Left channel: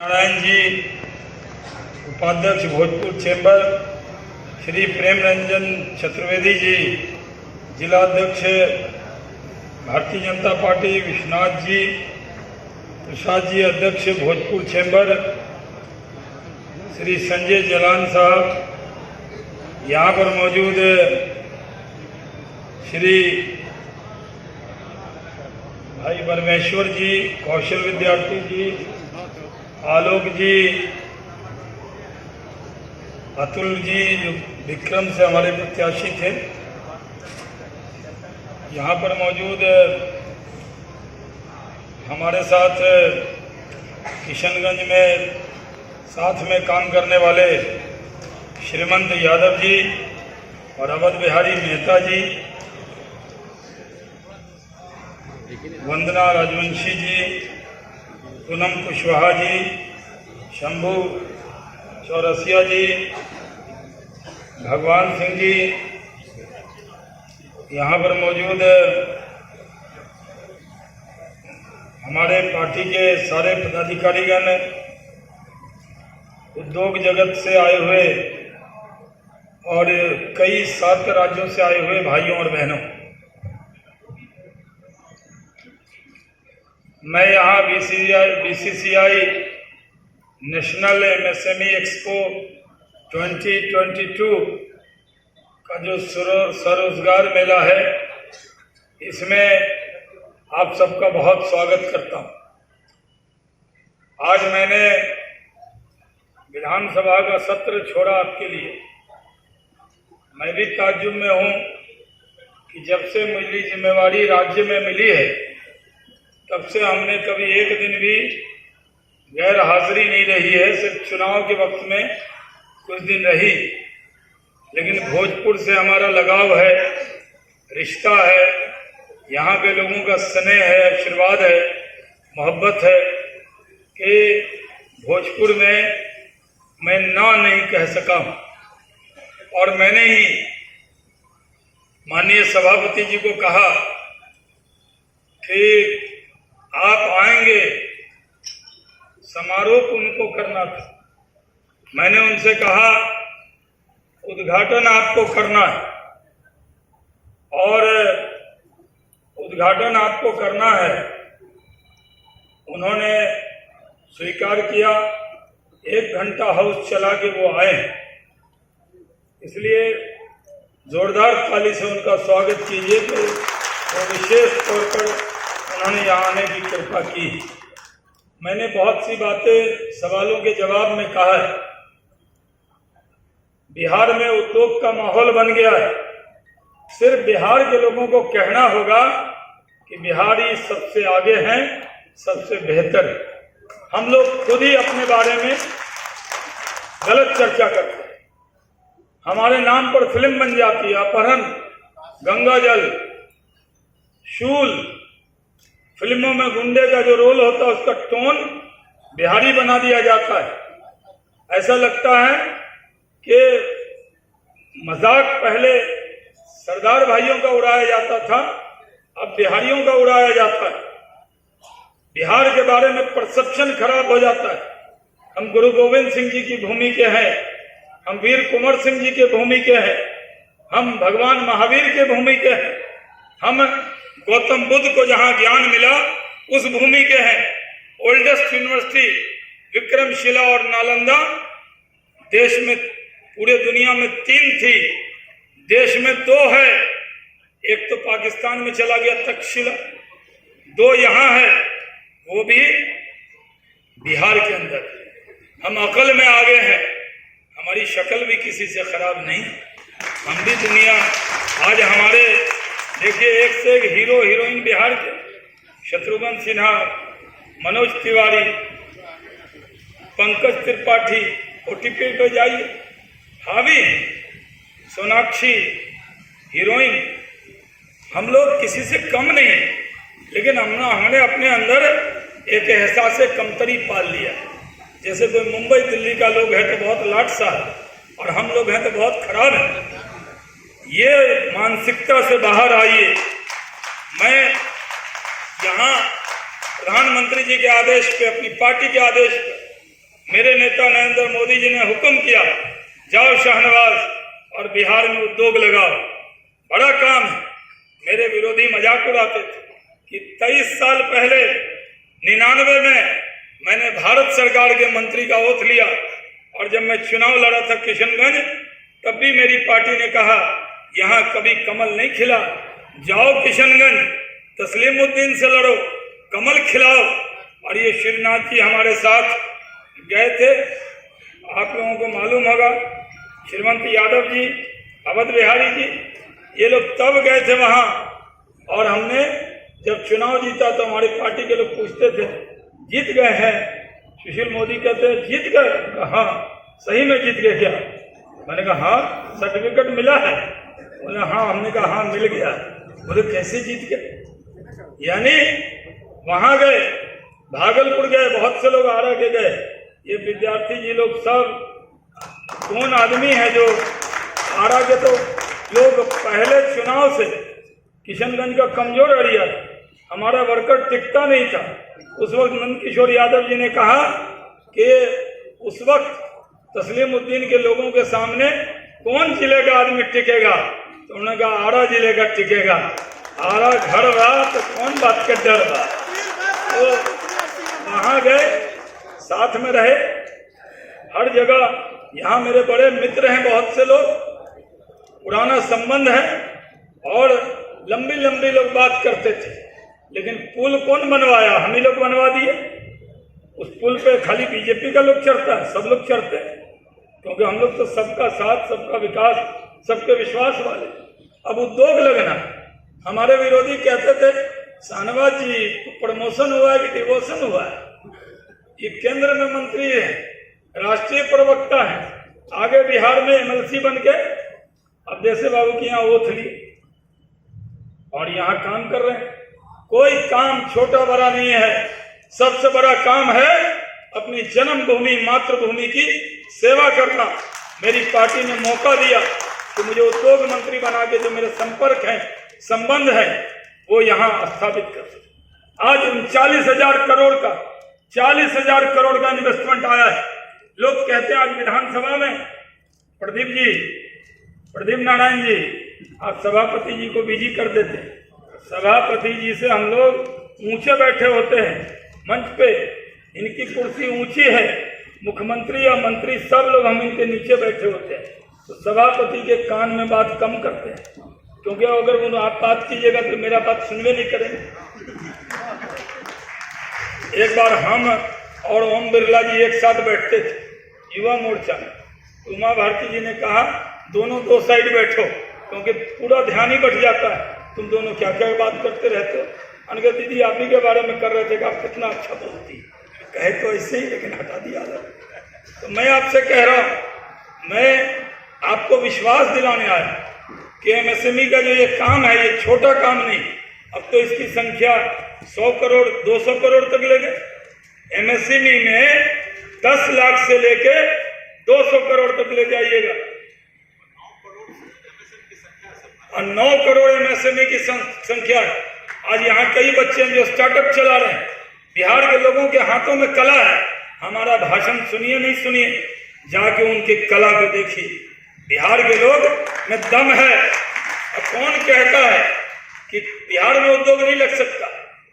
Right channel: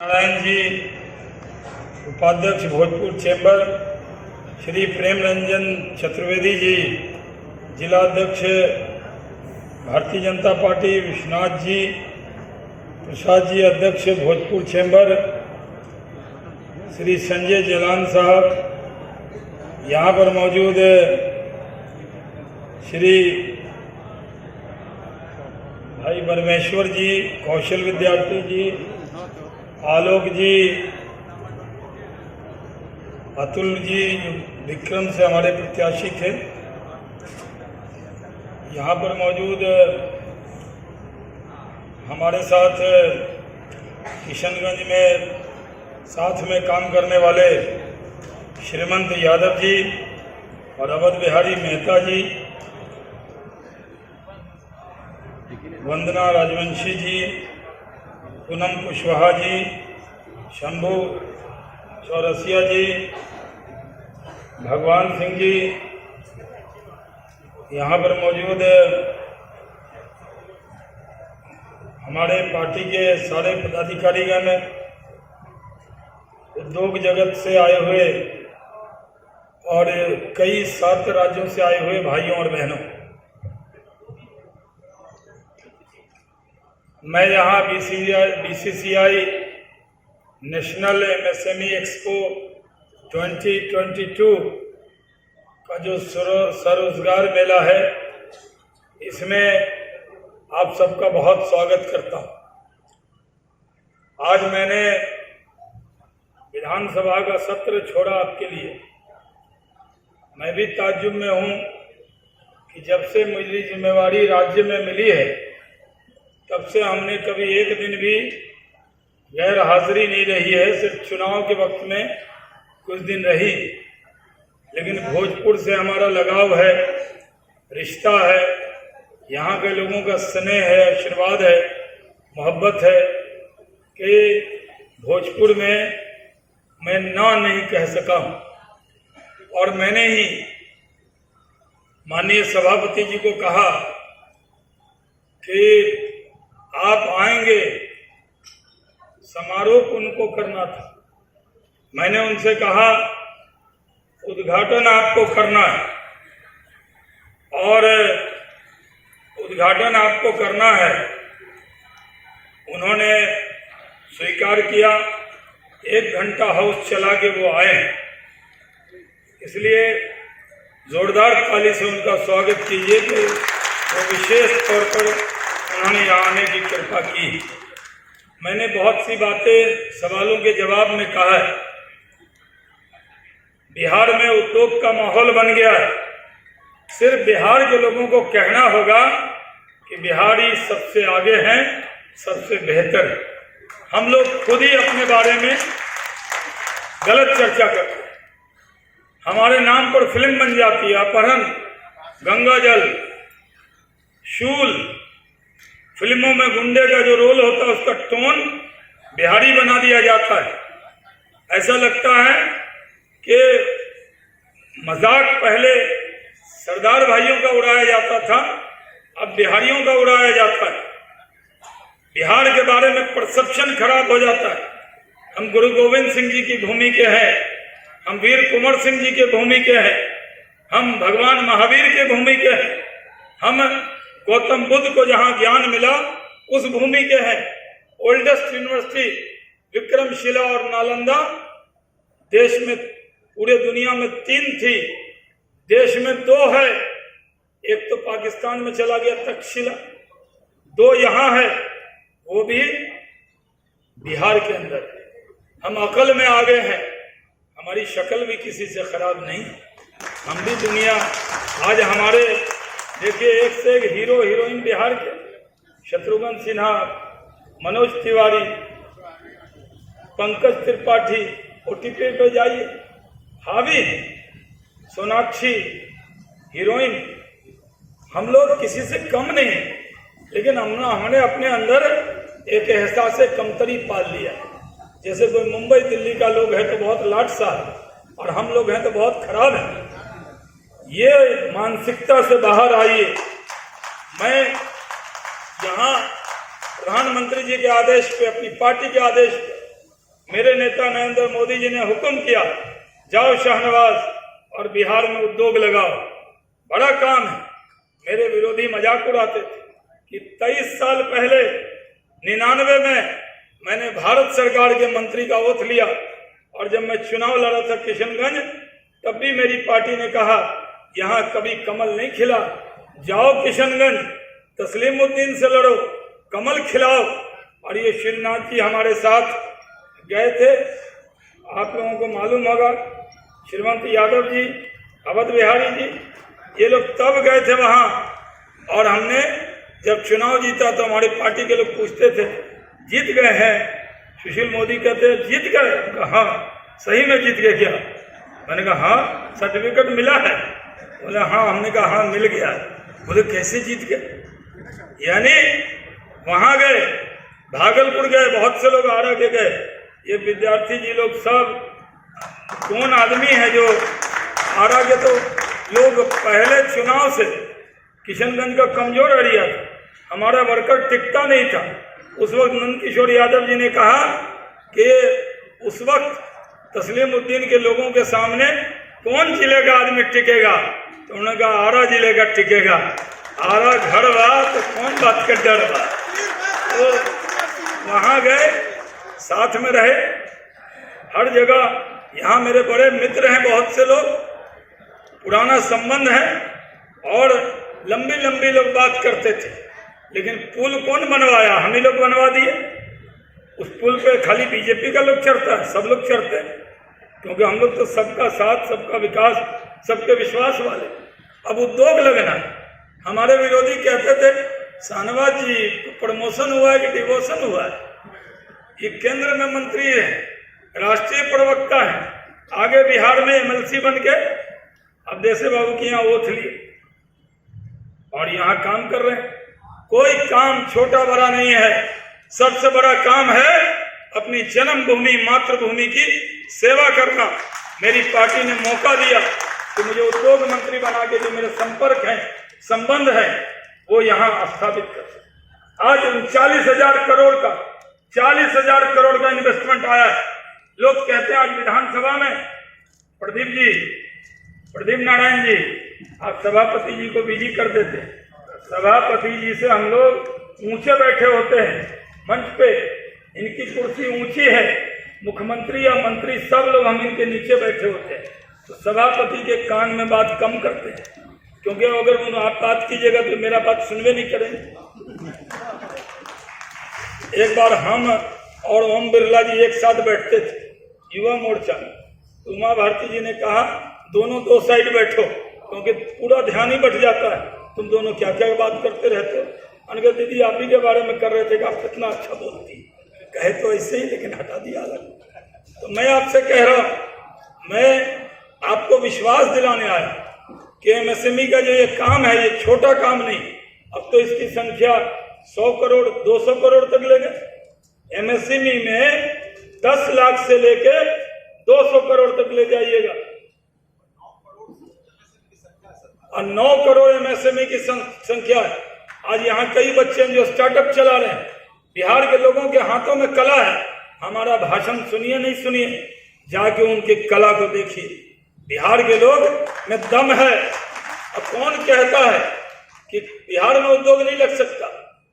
नारायण जी उपाध्यक्ष भोजपुर चैम्बर, श्री प्रेम रंजन चतुर्वेदी जी जिलाध्यक्ष भारतीय जनता पार्टी, विश्वनाथ जी प्रसाद जी अध्यक्ष भोजपुर चैम्बर, श्री संजय जलान साहब, यहाँ पर मौजूद श्री भाई परमेश्वर जी, कौशल विद्यार्थी जी, आलोक जी, अतुल जी जो विक्रम से हमारे प्रत्याशी थे, यहाँ पर मौजूद हमारे साथ किशनगंज में साथ में काम करने वाले श्रीमंत यादव जी और अवध बिहारी मेहता जी, वंदना राजवंशी जी, पूनम कुशवाहा जी, शंभू चौरसिया जी, भगवान सिंह जी, यहाँ पर मौजूद हमारे पार्टी के सारे पदाधिकारीगण, उद्योग जगत से आए हुए और कई 7 राज्यों से आए हुए भाइयों और बहनों, मैं यहाँ बीसीसीआई नेशनल एमएसएमई एक्सपो 2022 का जो स्वरोजगार मेला है, इसमें आप सबका बहुत स्वागत करता हूँ। आज मैंने विधानसभा का सत्र छोड़ा आपके लिए। मैं भी ताज्जुब में हूँ कि जब से मुझे जिम्मेवारी राज्य में मिली है, तब से हमने कभी एक दिन भी गैर हाजिरी नहीं रही है। सिर्फ चुनाव के वक्त में कुछ दिन रही, लेकिन भोजपुर से हमारा लगाव है, रिश्ता है, यहाँ के लोगों का स्नेह है, आशीर्वाद है, मोहब्बत है कि भोजपुर में मैं ना नहीं कह सका हूँ। और मैंने ही माननीय सभापति जी को कहा कि आप आएंगे, समारोह उनको करना था। मैंने उनसे कहा उद्घाटन आपको करना है और उद्घाटन आपको करना है। उन्होंने स्वीकार किया। 1 घंटा हाउस चला के वो आए, इसलिए जोरदार ताली से उनका स्वागत कीजिए कि वो विशेष तौर पर उन्होंने यहाँ आने की कृपा की। मैंने बहुत सी बातें सवालों के जवाब में कहा है। बिहार में उद्योग का माहौल बन गया है। सिर्फ बिहार के लोगों को कहना होगा कि बिहारी सबसे आगे हैं, सबसे बेहतर है। हम लोग खुद ही अपने बारे में गलत चर्चा करते हैं। हमारे नाम पर फिल्म बन जाती है, अपहरण, गंगा जल, शूल। फिल्मों में गुंडे का जो रोल होता है उसका टोन बिहारी बना दिया जाता है। ऐसा लगता है कि मजाक पहले सरदार भाइयों का उड़ाया जाता था, अब बिहारियों का उड़ाया जाता है। बिहार के बारे में परसेप्शन खराब हो जाता है। हम गुरु गोविंद सिंह जी की भूमि के हैं, हम वीर कुंवर सिंह जी के भूमि के हैं, हम भगवान महावीर के भूमि के हैं, हम गौतम बुद्ध को जहां ज्ञान मिला उस भूमि के हैं। ओल्डेस्ट यूनिवर्सिटी विक्रमशिला और नालंदा देश में, पूरे दुनिया में 3 थी, देश में 2 है। एक तो पाकिस्तान में चला गया तक्षशिला, 2 यहाँ है, वो भी बिहार के अंदर। हम अकल में आगे हैं, हमारी शक्ल भी किसी से खराब नहीं। हम भी दुनिया, आज हमारे देखिए एक से एक हीरो हीरोइन बिहार के, शत्रुघ्न सिन्हा, मनोज तिवारी, पंकज त्रिपाठी, ओटीपी पे जाइए, हावी, सोनाक्षी, हीरोइन। हम लोग किसी से कम नहीं, लेकिन हमने अपने अंदर एक एहसास कमतरी पाल लिया। जैसे कोई मुंबई दिल्ली का लोग है तो बहुत लाटसा है, और हम लोग हैं तो बहुत खराब है। ये मानसिकता से बाहर आइए। मैं यहाँ प्रधानमंत्री जी के आदेश पे, अपनी पार्टी के आदेश पे मेरे नेता नरेंद्र मोदी जी ने हुक्म किया, जाओ शाहनवाज और बिहार में उद्योग लगाओ, बड़ा काम है। मेरे विरोधी मजाक उड़ाते थे कि 23 साल पहले 99 में मैंने भारत सरकार के मंत्री का ओथ लिया, और जब मैं चुनाव लड़ा था किशनगंज, तब भी मेरी पार्टी ने कहा यहाँ कभी कमल नहीं खिला, जाओ किशनगंज तस्लीमुद्दीन से लड़ो, कमल खिलाओ। और ये श्रीनाथ जी हमारे साथ गए थे, आप लोगों को मालूम होगा, श्रीमंत यादव जी, अवध बिहारी जी, ये लोग तब गए थे वहाँ। और हमने जब चुनाव जीता तो हमारी पार्टी के लोग पूछते थे, जीत गए हैं? सुशील मोदी कहते जीत गए? हाँ, सही में जीत गए क्या? मैंने कहा हाँ, सर्टिफिकेट मिला है। बोले हाँ, हमने कहा हाँ मिल गया। बोले कैसे जीत गए? यानी वहाँ गए, भागलपुर गए, बहुत से लोग आरा के गए, ये विद्यार्थी जी लोग सब कौन आदमी है जो आरा के, तो लोग पहले चुनाव से किशनगंज का कमजोर एरिया था, हमारा वर्कर टिकता नहीं था। उस वक्त नंद किशोर यादव जी ने कहा कि उस वक्त तस्लीमुद्दीन के लोगों के सामने कौन जिले का आदमी टिकेगा, तो उन्होंने कहा आरा जिले का टिकेगा। आरा घर बा तो कौन बात का डर बा। तो वहाँ गए, साथ में रहे हर जगह। यहाँ मेरे बड़े मित्र हैं, बहुत से लोग, पुराना संबंध है और लंबी लंबी लोग बात करते थे। लेकिन पुल कौन बनवाया? हम ही लोग बनवा दिए। उस पुल पे खाली बीजेपी का लोग चढ़ता है, सब लोग चढ़ते हैं, क्योंकि हम लोग तो सबका साथ, सबका विकास, सबके विश्वास वाले। अब उद्योग लगना, हमारे विरोधी कहते थे शाहनवाज जी को प्रमोशन हुआ है कि डिवोशन हुआ है? ये केंद्र में मंत्री है, राष्ट्रीय प्रवक्ता है, आगे बिहार में एमएलसी बन के अब देसे बाबू की यहाँ ओथ लिए और यहाँ काम कर रहे हैं। कोई काम छोटा बड़ा नहीं है, सबसे बड़ा काम है अपनी जन्मभूमि मातृभूमि की सेवा करना। मेरी पार्टी ने मौका दिया कि मुझे उद्योग मंत्री बना के जो मेरे संपर्क हैं, संबंध है, वो यहाँ स्थापित कर सके। आज 39,000 करोड़ का 40,000 करोड़ का इन्वेस्टमेंट आया है। लोग कहते हैं आज विधानसभा में प्रदीप नारायण जी, आप सभापति जी को बिजी कर देते हैं। सभापति जी से हम लोग ऊंचे बैठे होते हैं मंच पे, इनकी कुर्सी ऊंची है, मुख्यमंत्री या मंत्री सब लोग हम इनके नीचे बैठे होते हैं। तो सभापति के कान में बात कम करते हैं, क्योंकि अगर आप बात कीजिएगा तो मेरा बात सुनवे नहीं करेंगे। एक बार हम और ओम बिरला जी एक साथ बैठते थे युवा मोर्चा में, तो उमा भारती जी ने कहा दोनों दो साइड बैठो, क्योंकि पूरा ध्यान ही बट जाता है, तुम दोनों क्या क्या बात करते रहते हो। अनके दीदी आप ही के बारे में कर रहे थे कि आप कितना अच्छा बोलती, कहे तो ऐसे ही, लेकिन हटा दिया अलग। तो मैं आपसे कह रहा हूँ, मैं आपको विश्वास दिलाने आया कि एमएसएमई का जो ये काम है, ये छोटा काम नहीं। अब तो इसकी संख्या 100 करोड़ 200 करोड़ तक ले गए। एमएसएमई में 10 लाख से लेके 200 करोड़ तक ले जाइएगा, और 9 करोड़ एमएसएमई की संख्या है। आज यहाँ कई बच्चे हैं जो स्टार्टअप चला रहे हैं। बिहार के लोगों के हाथों में कला है। हमारा भाषण सुनिए नहीं सुनिए, जाके उनकी कला को देखिए। बिहार के लोग में दम है। अब कौन कहता है कि बिहार में उद्योग नहीं लग सकता?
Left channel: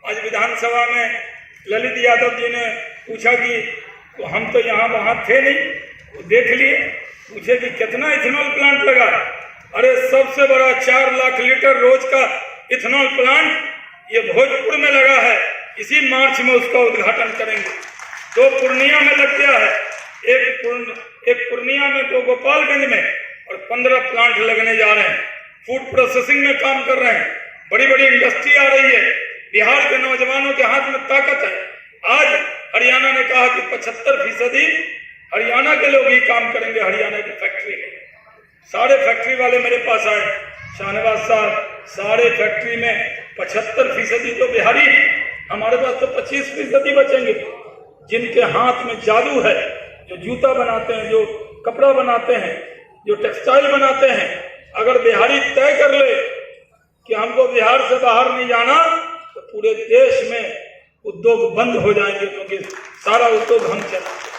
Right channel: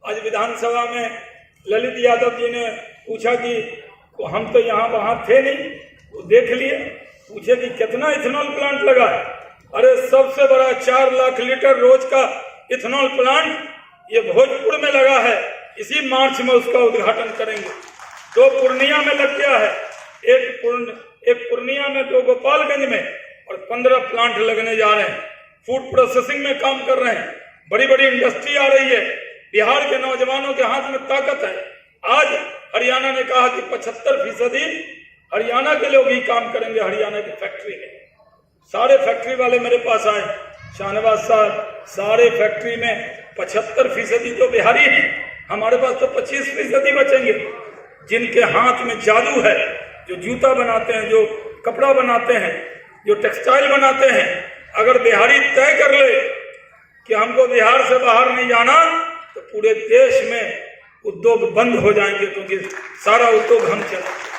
आज विधानसभा में ललित यादव जी ने पूछा कि तो हम तो यहाँ वहाँ थे नहीं, वो देख लिए, पूछे कि कितना इथेनॉल प्लांट लगा। अरे सबसे बड़ा 4 लाख लीटर रोज का इथेनॉल प्लांट ये भोजपुर में लगा है, इसी मार्च में उसका उद्घाटन करेंगे। 2 पूर्णिया में लग गया है, एक पूर्णिया में, 2 गोपालगंज में, और 15 प्लांट लगने जा रहे हैं। फूड प्रोसेसिंग में काम कर रहे हैं, बड़ी बड़ी इंडस्ट्री आ रही है। बिहार के नौजवानों के हाथ में ताकत है। आज हरियाणा ने कहा कि 75% हरियाणा के लोग ही काम करेंगे हरियाणा की फैक्ट्री में। सारे फैक्ट्री वाले मेरे पास आए, शाहनवाज साहब, सारे फैक्ट्री में 75% तो बिहारी हैं, हमारे पास तो 25% बचेंगे। जिनके हाथ में जादू है, जो जूता बनाते हैं, जो कपड़ा बनाते हैं, जो टेक्सटाइल बनाते हैं, अगर बिहारी तय कर ले कि हमको बिहार से बाहर नहीं जाना, तो पूरे देश में उद्योग बंद हो जाएंगे, क्योंकि सारा उद्योग हम चलाएंगे।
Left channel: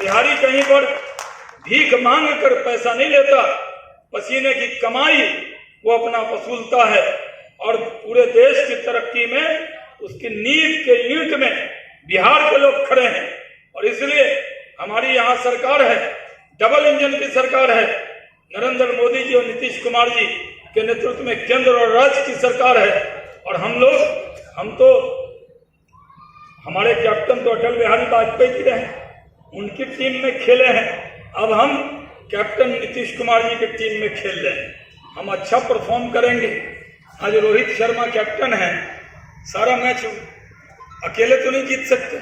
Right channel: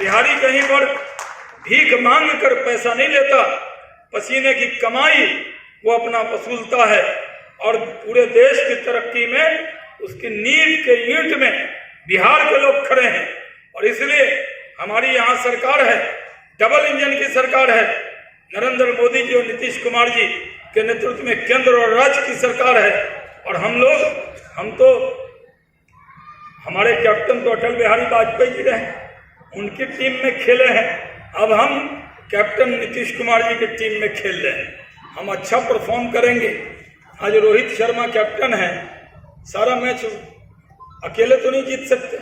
बिहारी कहीं पर भीख मांग कर पैसा नहीं लेता, पसीने की कमाई वो अपना वसूलता है और पूरे देश की तरक्की में उसकी नींव के ईंट में बिहार के लोग खड़े हैं। और इसलिए हमारी यहाँ सरकार है, डबल इंजन की सरकार है। नरेंद्र मोदी जी और नीतीश कुमार जी के नेतृत्व में केंद्र और राज्य की सरकार है। और हम तो हमारे कैप्टन तो अटल बिहारी वाजपेयी जी रहे, उनकी टीम में खेले हैं। अब हम कैप्टन नीतीश कुमार जी की टीम में खेल रहे हैं, हम अच्छा परफॉर्म करेंगे। आज रोहित शर्मा कैप्टन है, सारा मैच अकेले तो नहीं जीत सकते।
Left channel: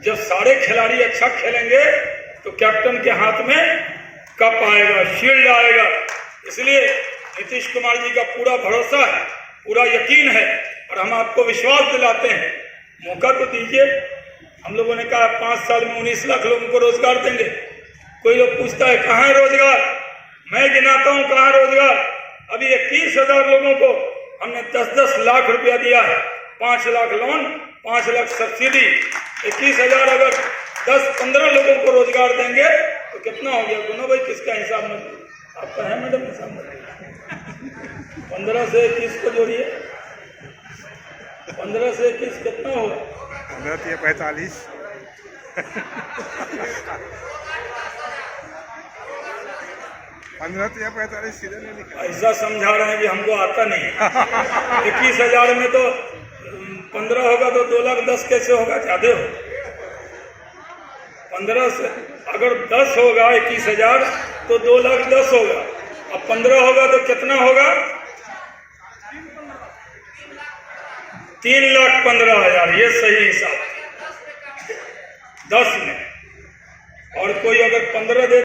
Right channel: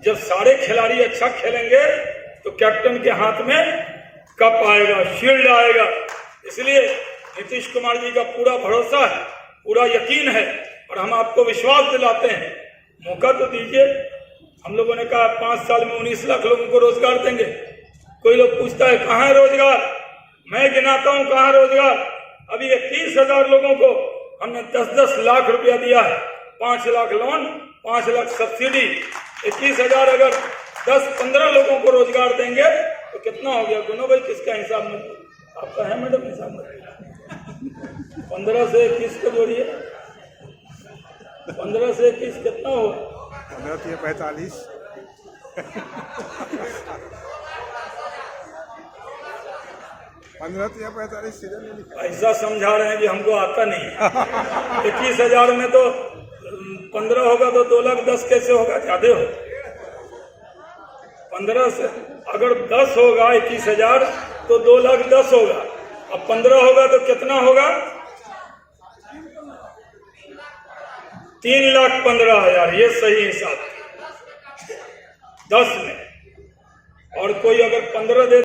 जब सारे खिलाड़ी अच्छा खेलेंगे तो कैप्टन के हाथ में कप आएगा, शील्ड आएगा। इसलिए नीतीश कुमार जी का पूरा भरोसा है, पूरा यकीन है और हम आपको विश्वास दिलाते हैं। मौका तो दीजिए। हम लोगों ने कहा 5 साल में 19 लाख लोगों को रोजगार देंगे। कोई लोग पूछता है कहाँ है रोजगार, मैं गिनाता हूँ कहाँ रोजगार। अभी 21,000 लोगों को हमने 10-10 लाख रुपया दिया है, 5 लाख लोन, 5 लाख सब्सिडी। 21,000 अगर 10-15 लोगों को रोजगार देंगे तो कितना हो गया? दोनों भाई किसका हिसाब में आपका है मैडम? हिसाब में 15 से 21 को जोड़िए, 15 से 21 कितना होगा? 15 से 45। 15 से 45 सीधे नहीं लिखा। ऐसा समझा रहे हैं कि हमको आता नहीं। 21,000 में तो 15 होगा तो 2,10,000 कैसे होगा? ज्यादा हो। 15 से अगर 10 होगा 21,000 तो 2,10,000 होगा और 15 होगा तो कितना होगा? 3,15,000। ये सही हिसाब 10 में। और कोई अगर 15 दे